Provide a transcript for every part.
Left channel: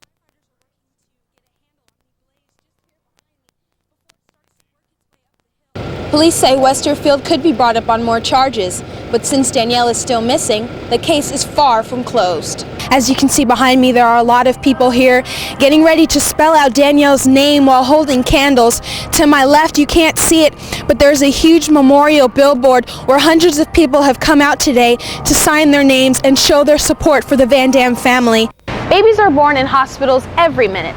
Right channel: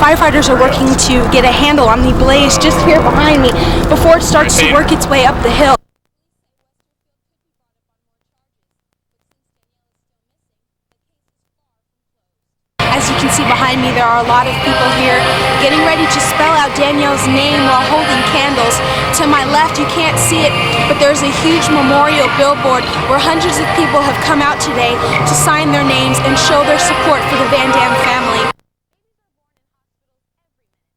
Firefighters are working to get a handle on the blaze just here behind me before it starts to work its way up the hill. Police say Westerfield could be brought up on more charges, but since Danielle is still missing, the case is far from closed. As you can see behind me, there are a lot of people here getting ready to spell out Danielle's name while holding candles. To my left, you can't see it, but there's a huge memorial billboard where hundreds of people have come out today to sign their names and show their support for the Van Dam family. Babies are born in hospitals every minute.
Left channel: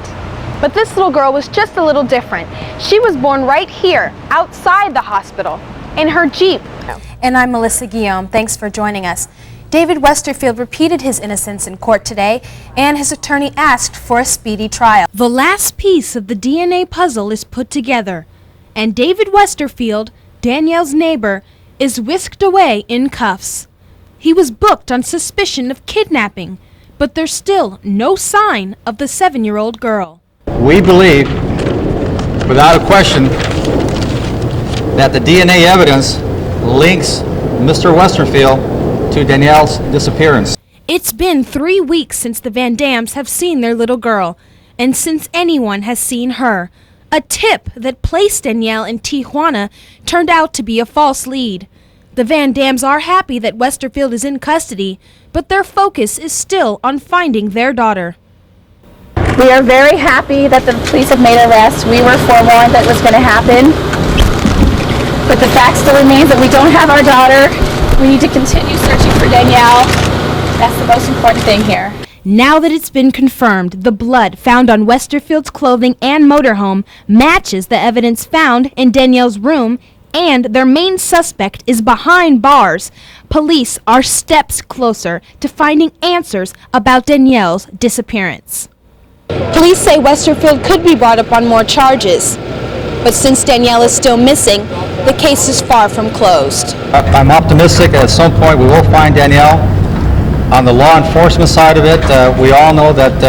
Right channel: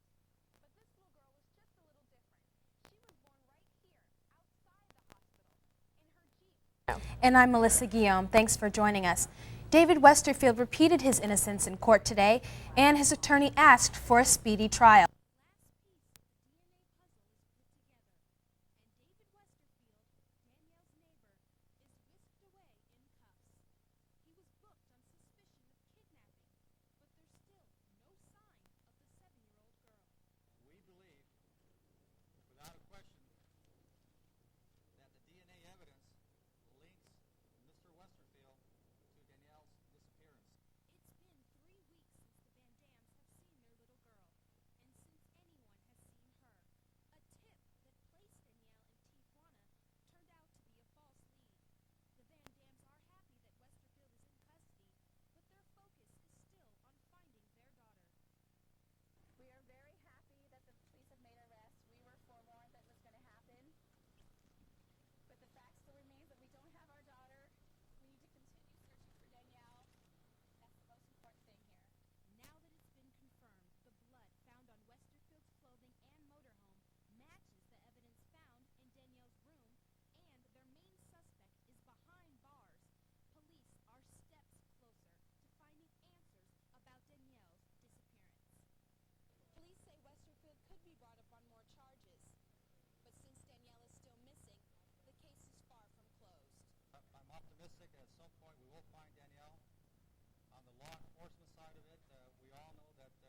But this little girl was just a little different. She was born right here, outside the hospital, in her Jeep. And I'm Melissa Guillaume. Thanks for joining us. David Westerfield repeated his innocence in court today, and his attorney asked for a speedy trial. The last piece of the DNA puzzle is put together, and David Westerfield, Danielle's neighbor, is whisked away in cuffs. He was booked on suspicion of kidnapping, but there's still no sign of the 7-year-old girl. We believe, without a question, that the DNA evidence links Mr. Westerfield to Danielle's disappearance. It's been 3 weeks since the Van Dams have seen their little girl, and since anyone has seen her. A tip that placed Danielle in Tijuana turned out to be a false lead. The Van Dams are happy that Westerfield is in custody, but their focus is still on finding their daughter. We are very happy that the police have made arrests. We were forewarned that it was going to happen. But the fact still remains that we don't have our daughter. We need to continue searching for Danielle. That's the most important thing here. Now that it's been confirmed, the blood found on Westerfield's clothing and motorhome matches the evidence found in Danielle's room, and their main suspect is behind bars. Police are steps closer to finding answers about Danielle's disappearance. Police say Westerfield could be brought up on more charges, but since Danielle is still missing, the case is far from closed. I'm optimistic that at some point we will find Danielle. On the law enforcement side of it, we all know that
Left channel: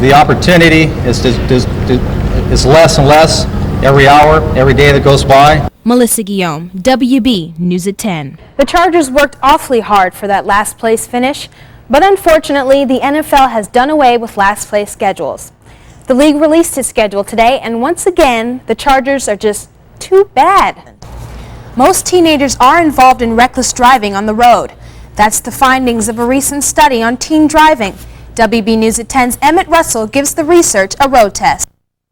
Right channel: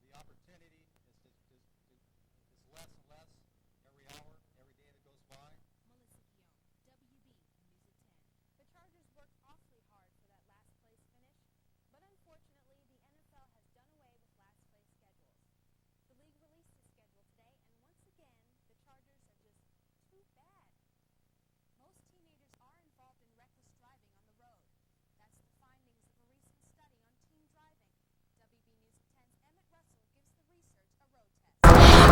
the opportunity is less and less every hour, every day that goes by. Melissa Guillaume, WB News at 10. The Chargers worked awfully hard for that last place finish, but unfortunately, the NFL has done away with last place schedules. The league released its schedule today, and once again, the Chargers are just too bad. Most teenagers are involved in reckless driving on the road. That's the findings of a recent study on teen driving. WB News at 10's Emmett Russell gives the research a road test.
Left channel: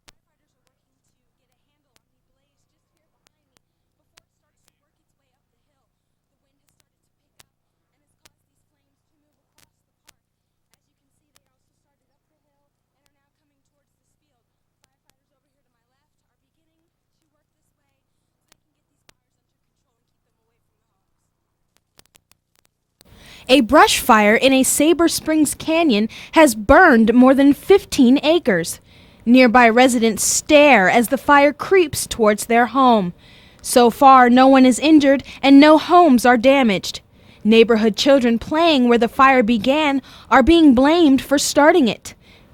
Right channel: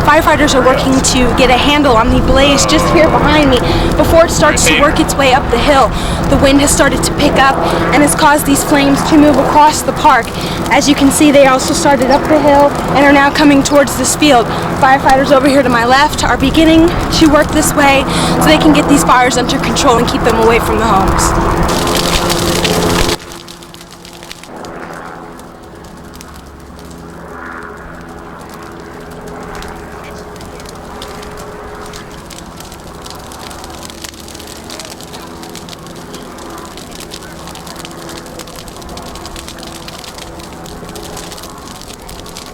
Firefighters are working to get a handle on the blaze just here behind me before it starts to work its way up the hill. The wind has started to pick up and has caused these flames to move across the park. As you can see, they also started up the hill and are now coming towards this field. Firefighters over here to my left are beginning to work this way so they can get these fires under control and keep them away from the homes. A brush fire in a Sabre Springs canyon has burned more than 15 acres. Nearby residents stare as the fire creeps towards their home. So far, no one is injured and no homes are damaged. Neighborhood children playing where the fire began are being blamed for starting it.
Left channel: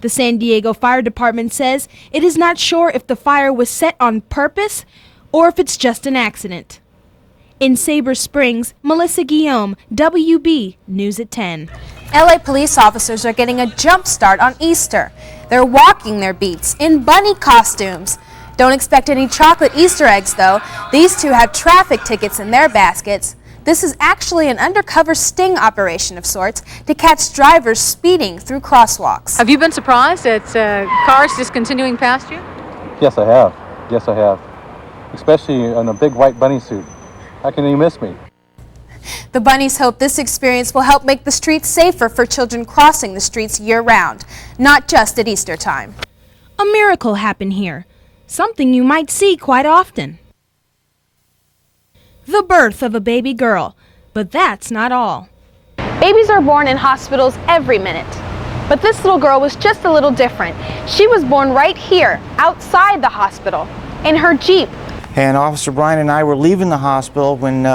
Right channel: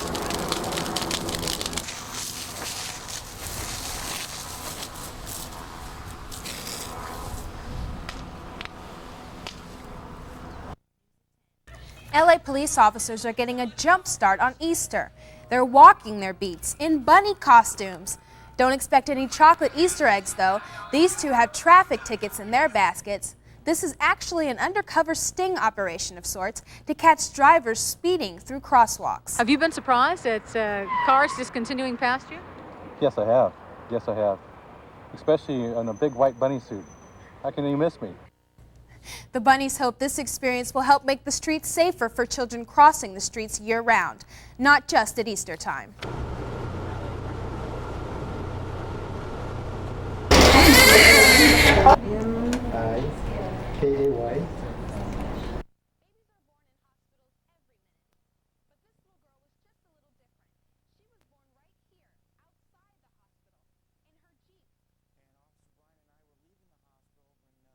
The San Diego Fire Department says it is not sure if the fire was set on purpose or if it's just an accident. In Sabre Springs, Melissa Guillaume, WB News at 10. LA police officers are getting a jump start on Easter. They're walking their beats in bunny costumes. Don't expect any chocolate Easter eggs, though. These two have traffic tickets in their baskets. This is actually an undercover sting operation of sorts to catch drivers speeding through crosswalks. Have you been surprised at cars just continuing past you? Yes, I have. Yes, I have. Especially in a big white bunny suit. How can you miss me? The bunnies hope this experience will help make the streets safer for children crossing the streets year-round, not just at Easter time. A miracle happened here, something you might see quite often. The birth of a baby girl, but that's not all. Babies are born in hospitals every minute. But this little girl was just a little different. She was born right here, outside the hospital, in her Jeep. And Officer Bryan and I were leaving the hospital when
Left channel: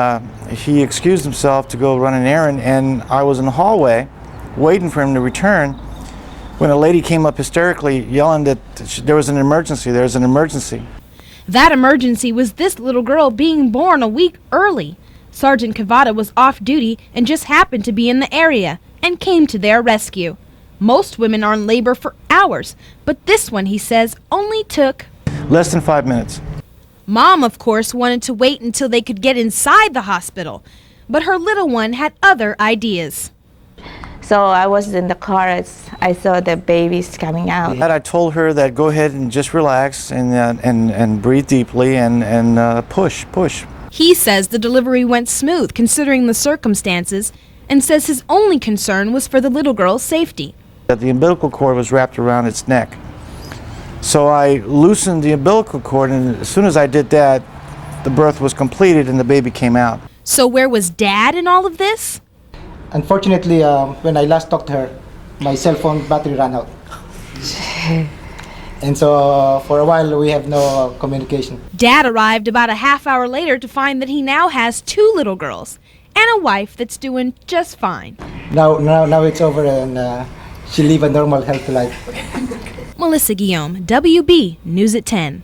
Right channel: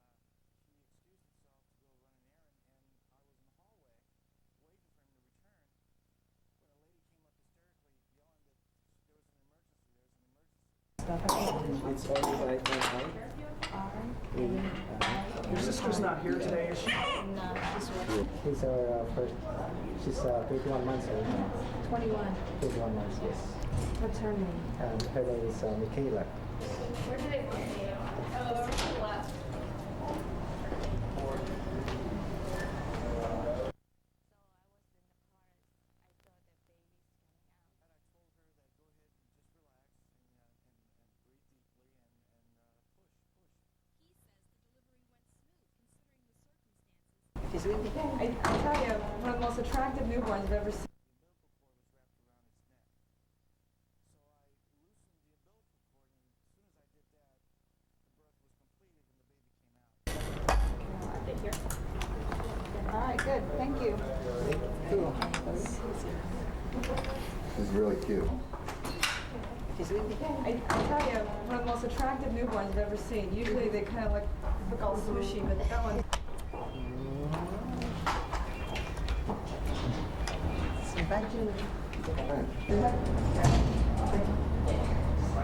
he excused himself to go run an errand, and I was in the hallway waiting for him to return when a lady came up hysterically yelling that there was an emergency, there's an emergency. That emergency was this little girl being born a week early. Sergeant Cavada was off duty and just happened to be in the area and came to their rescue. Most women are in labor for hours, but this one, he says, only took. Less than 5 minutes. Mom, of course, wanted to wait until they could get inside the hospital, but her little one had other ideas. So I was in the car as I saw the babies coming out. I told her that go ahead and just relax and breathe deeply and push. He says the delivery went smooth considering the circumstances and says his only concern was for the little girl's safety. That the umbilical cord was wrapped around its neck. So I loosened the umbilical cord, and as soon as I did that, the birth was completed and the baby came out. So where was Dad in all of this? Unfortunately, when I last talked to her, my cell phone battery ran out. And so for a while we have no communication. Dad arrived about a half hour later to find that he now has 2 little girls and a wife that's doing just fine. Now it's over and she live a normal healthy life. Melissa Guillaume, WB News at 10.